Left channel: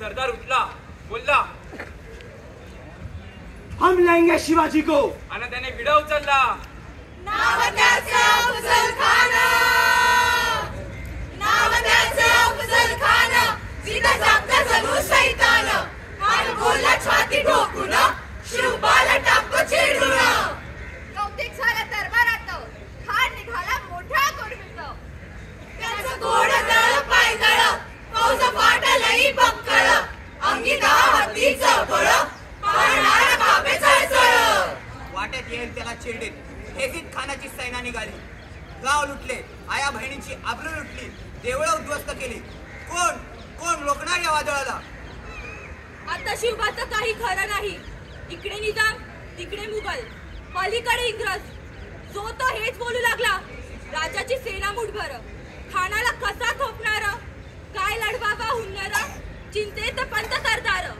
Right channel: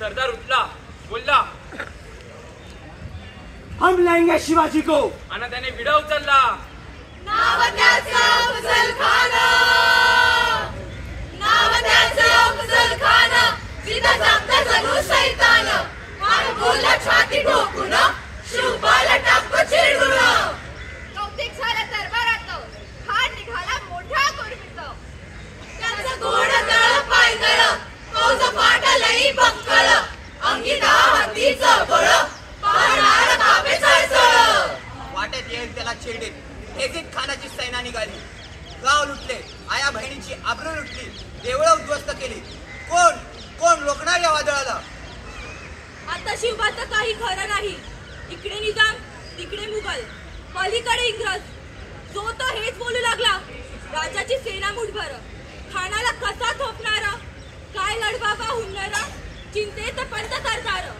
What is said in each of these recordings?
सरदार उठला, बोलला, हम लाएंगे शिवाजी को. आणि त्याने विडा उचलला. नाव त्याचं अफजल खान, नाव त्याचं अफजल खान, सीधा सांगता जणू शैतान. खान बोलला छाती ठोकून, शिवबाला टाकतो चिडून. कौतिक झालं दरबारात, खान निघाला मोठा कुर्मीत. त्याचं गोड तळ पायदळ, फौज फाटलई बक्कळ. अंगी हत्तीचं बळ, पाहणार कापे चळचळ. वाटेत येईल त्याला चिरडे, हेजीत खानाची सैना निघाली. गाव लुटले, आया बहिणीची आबरू लुटली, देवळं उद्ध्वस्त केली. कोण कोण रोखणार या वादळाला? आता शिवबाचं काही खरं नाही. इकडे निजाम, तिकडे मुघल, पलीकडे इंग्रज. जो तो हेच बोलू लागला, राजाची सेना मुठभर. खानाला कसा थोपणार, काय लढवावा हुन्नर, चिंतेत पंत सरदार.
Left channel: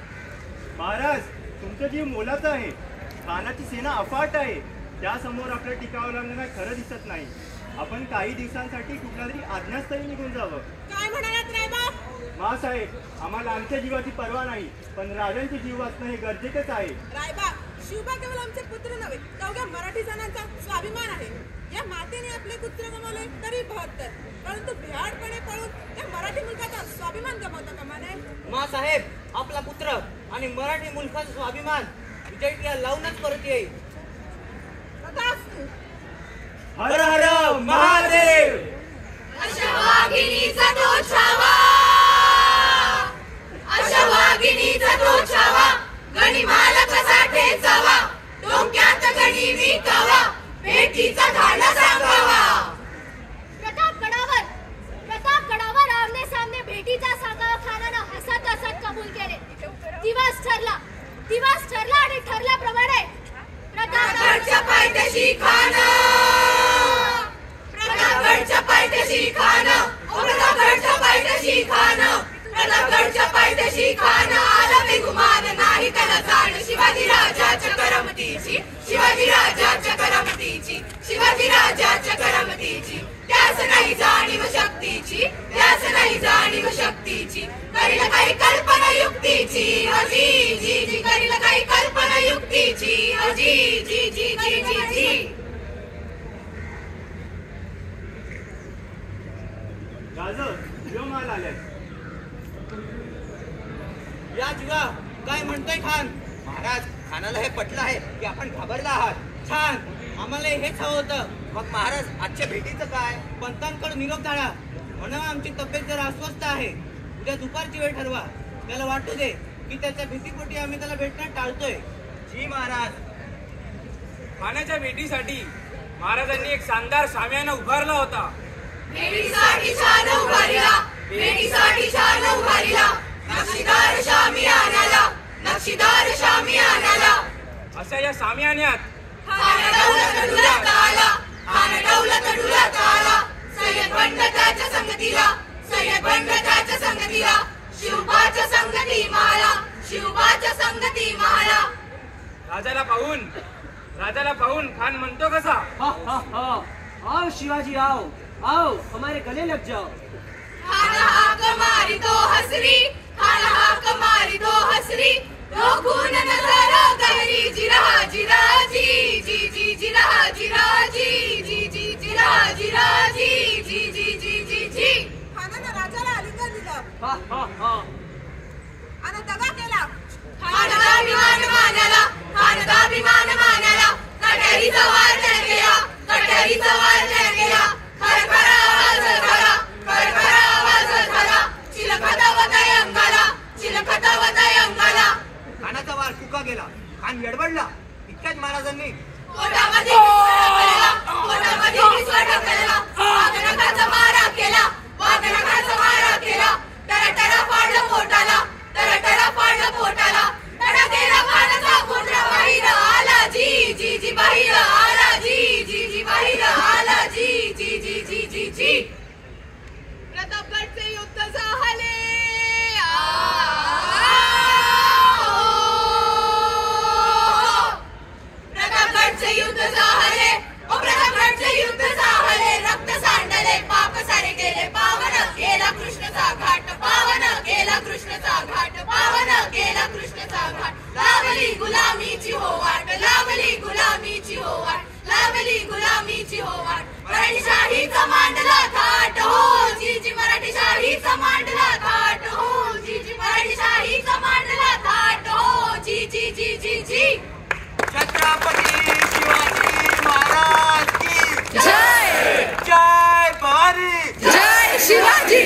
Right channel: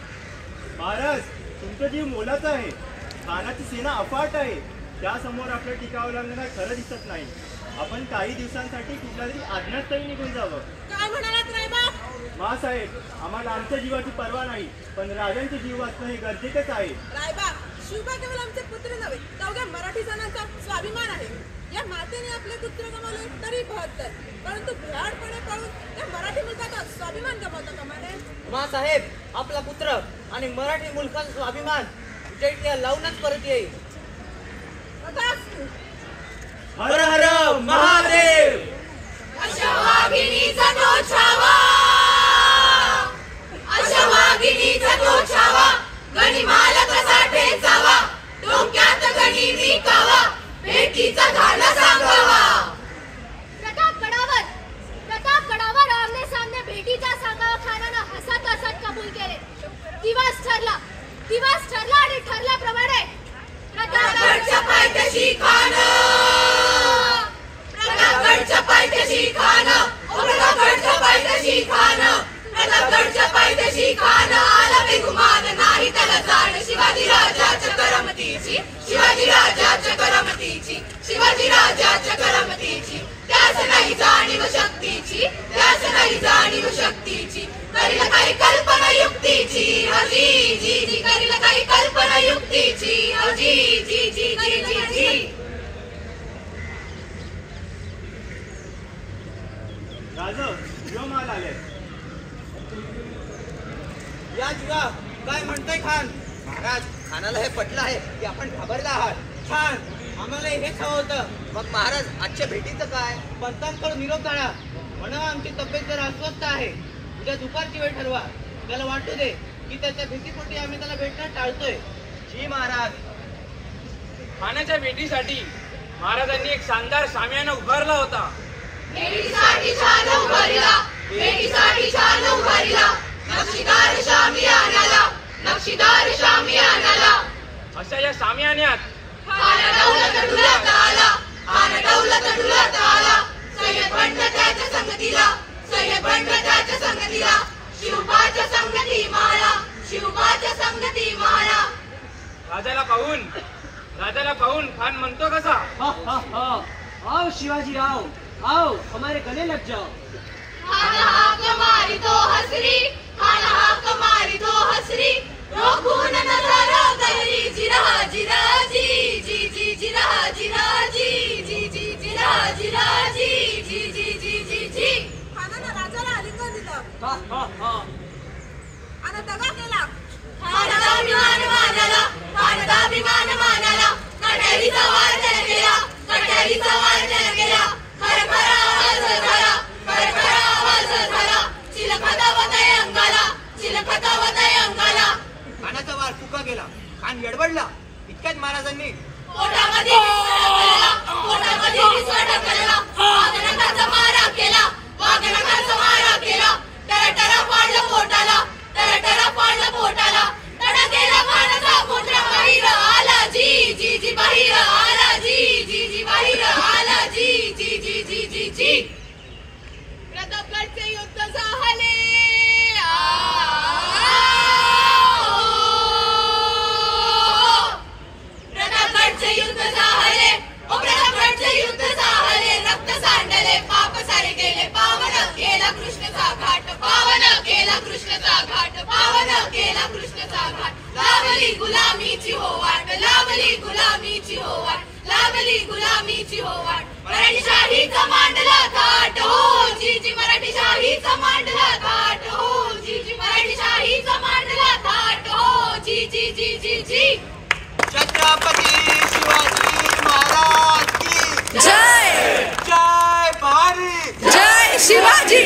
महाराज, तुमचा जीव मोलाचा आहे. खानाची सेना अफाट आहे. त्यासमोर आपल्या टिकावं लागणार खरं दिसत नाही. आपण काही दिवसांसाठी कुठल्या तरी आज्ञास्थळी निघून जावं. काय म्हणालात रायबा? मासाहेब, आम्हाला आमच्या जीवाची पर्वा नाही, पण राजांचे जीव वाचणं हे गरजेचंच आहे. रायबा, शिवबा केवळ आमचे पुत्र नव्हे, तर अवघ्या मराठी जणांचा स्वाभिमान आहे. या मातेने आपले पुत्र गमावले तरी 72, परंतु भ्याडपणे पळून या मराठी मुलकाचा स्वाभिमान गमावता कामा नये. मासाहेब, आपला पुत्र आणि मराठी मुलकाचा स्वाभिमान विजयला लावूनच परत येईल. हर हर महादेव. अशा वाघिणीचा तो छावा, अशा वाघिणीचा तो छावा, गणिमाला कसा ठेचावा, डोक्यात गणी विकावा, भेटीचा धाडा सांगावा. प्रतापगडावर आमने सामने भेटीचा सांगावा खानानं हसत हसत कबूल केले. दिवस ठरला आणि ठरल्याप्रमाणे प्रतापगडच्या पायथ्याशी खान, प्रतापगडच्या पायथ्याशी खान, प्रतापगडच्या पायथ्याशी खान, प्रतापगडच्या पायथ्याशी खान. आला बेगुमान नाही त्याला जाण, शिवाजी राजाच्या करमतीची, शिवाजी राजाच्या करमतीची, शिवाजी राजाच्या करमतीची. त्यास नाही जाणीव शक्तीची, त्यास नाही जाणीव शक्तीची. करील काही कल्पना युक्तीची, अजी जी जी, करील काही कल्पना युक्तीची, अजी जी जी जी जी जी. राजा, यो माल आलाय. या जीवा, काय म्हणतोय खान? महाराज, खानाला हे पटलं आहे की आपण घाबरला आहात. छान, आम्हाला हेच हवं होतं. मग महाराज, आजच्या भेटीचं काय? पंतांकडे निरोप धाडा, म्हणा आमची तब्येत जरा अस्वस्थ आहे. उद्या दुपारची वेळ ठरवा. त्याला वाटू दे की त्याच्या भीतीपोटी आम्ही त्याला भेटणं टाळतोय. जी महाराज. खानाच्या भेटीसाठी महाराजांनी एक शानदार शामियाना उभारला होता. भेटीसाठी छान उभारिला, भेटीसाठी छान उभारिला, नक्षीदार शामियानाला, नक्षीदार शामियानाला. अशा या शामियान्यात खान दौलत डुलत आला, खान दौलत डुलत आला. सय्यद बंड त्याच्या संगतीला, सय्यद बंड त्याच्या संगतीला. शिवबाच्या संगती माळा, शिवबाच्या संगती माळा. राजाला पाहून खान म्हणतो कसा, हा हा हा, आओ शिवाजी आओ, आओ हमारे गले लग जाओ. खान हाक मारी तो हसरी, खान हाक मारी तो हसरी. रोखून नजर गहरी, जिरा जिरा जी जी जी, जिरा जिरा जी जी जी, जिरा जिरा जी जी जी जी जी जी. खानानं राजाला आलिंगन दिलं, हा हा हा. आणि दगा केला. खानाचा अभिमान मानाला, खानाचा अभिमान मानाला. कट्यारीचा वार त्याला केला, कट्यारीचा वार त्याला केला. खरखरा आवाज झाला, खरखरा आवाज झाला. चिलखतावताय अंगाला, चिलखतावताय अंगाला. खानाचा वार फुका गेला. खान गडबडला. इतक्यात महाराजांनी पोटामध्ये विस्फोट केला, पोटामध्ये विस्फोट केला. वाघनखाचा मारा केला, वाघनखाचा मारा केला. टराटरा फाडलं पोटाला, टराटरा फाडलं पोटाला. टडा केला खानाचा पुत्र बाहेर आला जी जी जी, बाहेर आला जी घाट लावली गुलामीची हो वाट लावली गुलामीची हो वाट लावली गुलामीची हो वाट मराठी शाहीचा मांडला थाट हो जी जी मराठी शाहीचा मांडला थाट हो जी जी मराठी शाहीचा मांडला थाट हो जी जी जी जी जी छत्रपती शिवाजी महाराज की जय जय भवानी जय शिवाजी